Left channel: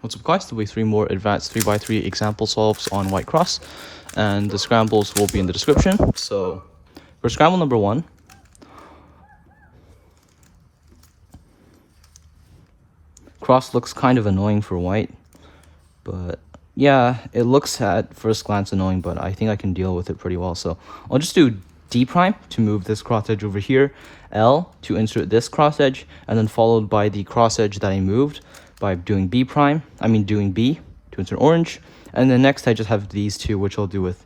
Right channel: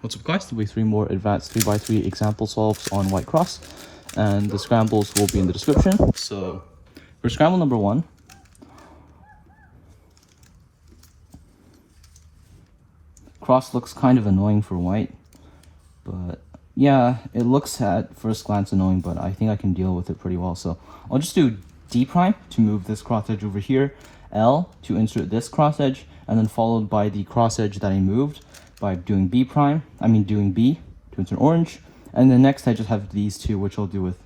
What's up guys, there'll be 3 more advanced 3x3 example solves on white cross, and the scrambles will be in the description. So for scramble number 1, cross looks kind of annoying for white, but yeah, it looks at first glance annoying, but I think I can deal with it pretty well. So I'll just do D prime to move this cross edge over here, L to insert this cross edge, and then followed by the cross edge that I moved by doing B to insert orange. And then next I just have these two, which I'll do with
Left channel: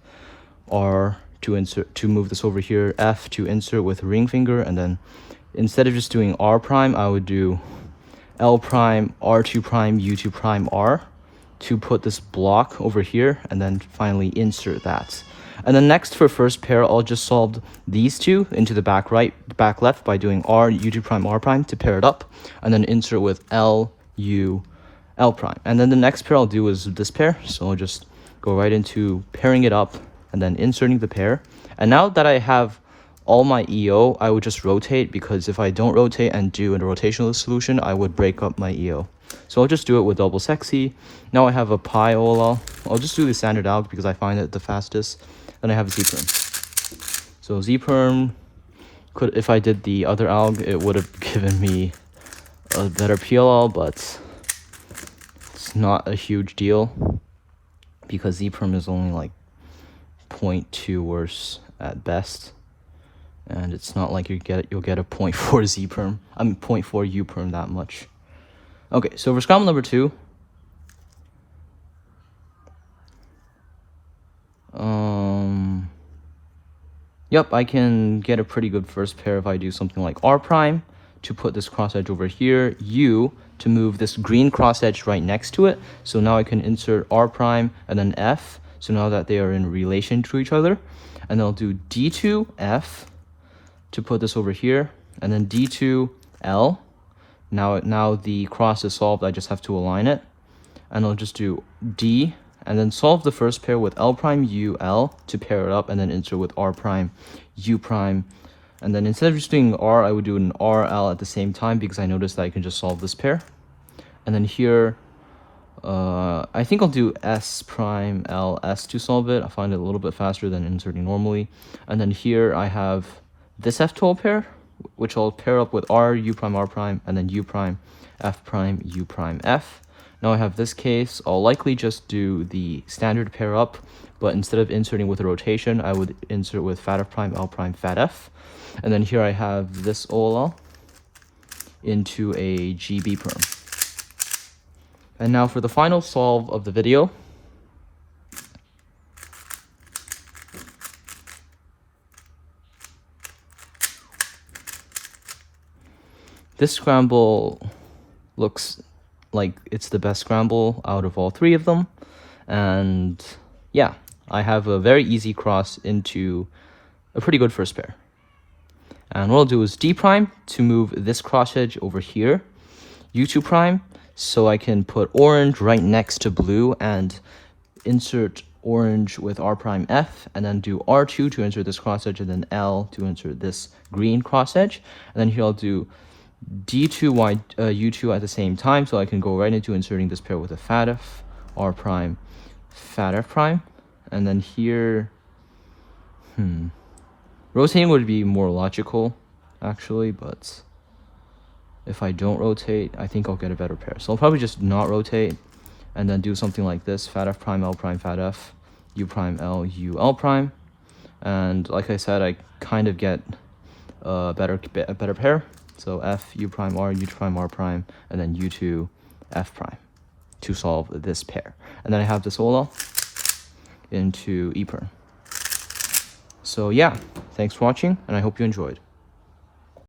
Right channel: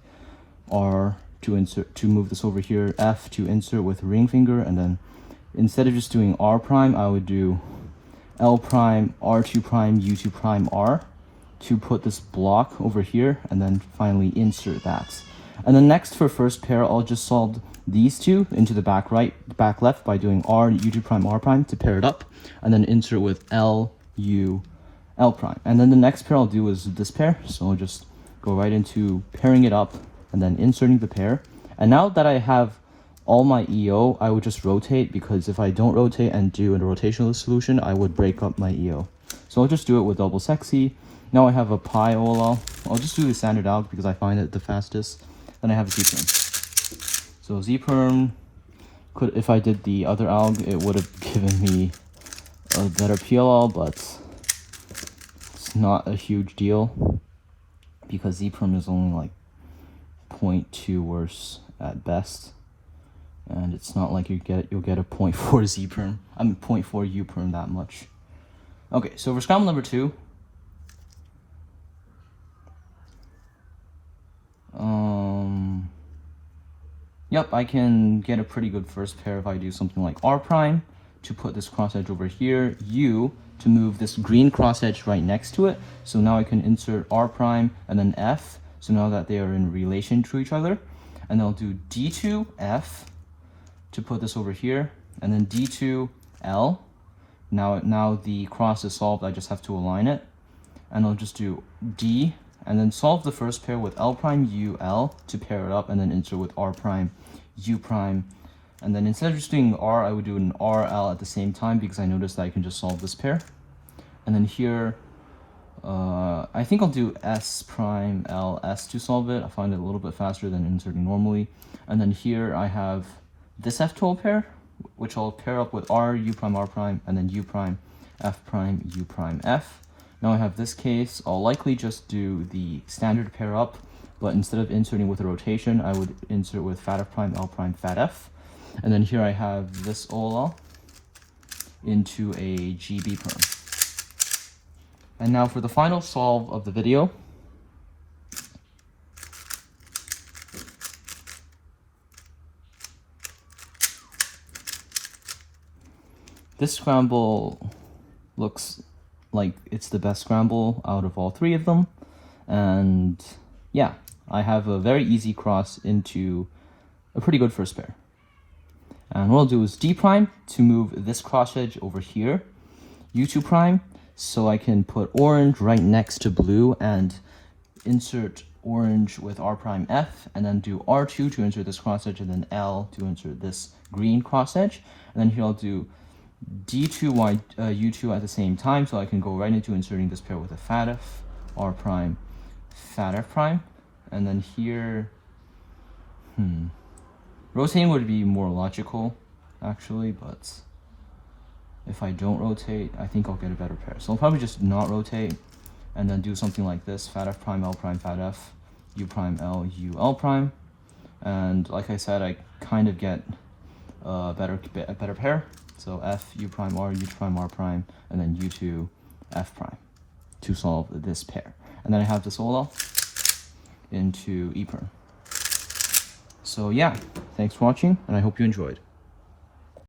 R to move this over here, F to insert with ring finger, and then instead of just doing R prime, I would do L prime, R2 prime, U2 prime, R to put this block over here, and then finally insert that. And then next for first pair, I'll just solve these two into the back right, back left by doing R, U2 prime, R prime to pair it up, and then insert with L, U, L prime. And then the next pair I'll do is this pair, so I'll just go right into pairing it up and then inserting the pair. And now that I have all my EO, I would just rotate, because if I don't rotate and do a rotational solution, I would break up my EO. So I'll just do it with double sexy. Now I have a pi OLL. I'll just do the standard alg because I find it the fastest. Then I have Z-perm. So Z-perm, if I did the other alg, it would have given me a better PLL, but it's not a huge deal because Z-perm is only like 0.2 worse at best. And it's not like you'll get a 0.4 Z-perm, 0.4 U-perm that much. Okay, so for scramble number 2, yep, I can get a pretty good first pair if I do something like R prime to put this cross edge over here, U to move this green cross edge right next to it. So now I can insert R prime and then F, so now that they are in relation to each other. And then I'll do D2 F to put this over here, and then D2 L. Now the cross is solved, I just have to align it. And I'll just do D, and then solve the first pair with L prime U L to pair it up, and then insert with R prime U prime. And then instead of just doing R, I would do an R L at the same time, because I noticed that I can just solve this pair. And then here, I think I'll do S prime L S to solve it. I find it a little bit faster than inserting normally. And then here I have this F12 pair, which I'll pair up with R, U prime, R prime, and then U prime, F prime, U prime, F. Now I have this case, I'll likely just do the standard pair up, but instead of inserting with a rotation, I would insert with fat F prime, L prime, fat F. And then here I have this OLL into a GB perm. And now for the final solve of the video, this scramble looks like it's the best scramble out of all 3 of them. And yeah, I have a very easy cross into a pretty good first pair. And what I'll do is D prime to move this cross edge over here, U2 prime, so I can put orange right next to blue and insert orange with R prime F, and then do R2 to insert this cross edge, and then L to insert this green cross edge. And then here I'll do D2 U2 at the same time, so I can go right into inserting this pair with a fat F, R prime, fat F prime. And then here, rotating would be more logical, actually, but if I don't rotate, I think I'll get a better pair. So I'll probably just not rotate, and then do something like this, fat F prime, L prime, fat F, U prime, L, U, L prime. And like I said, I kind of get a better pair. So F, U prime, R, U prime, R prime, and then U2, F prime to solve this pair. And then I have this OLL into E perm. So yeah, thanks for watching, and I hope you enjoyed.